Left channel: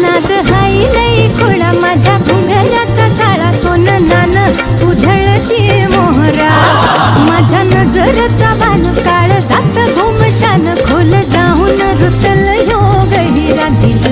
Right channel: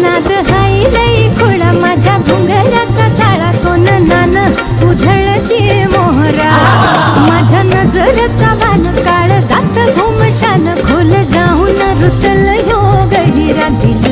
नाद हाई लई खोळा माझ्या घुंगराचा जाळा सोन नान उधळती मोहरा माझ्या नजरचा वान काळ जात घुमशान खोल जाऊन रुतल योग हिरा दिल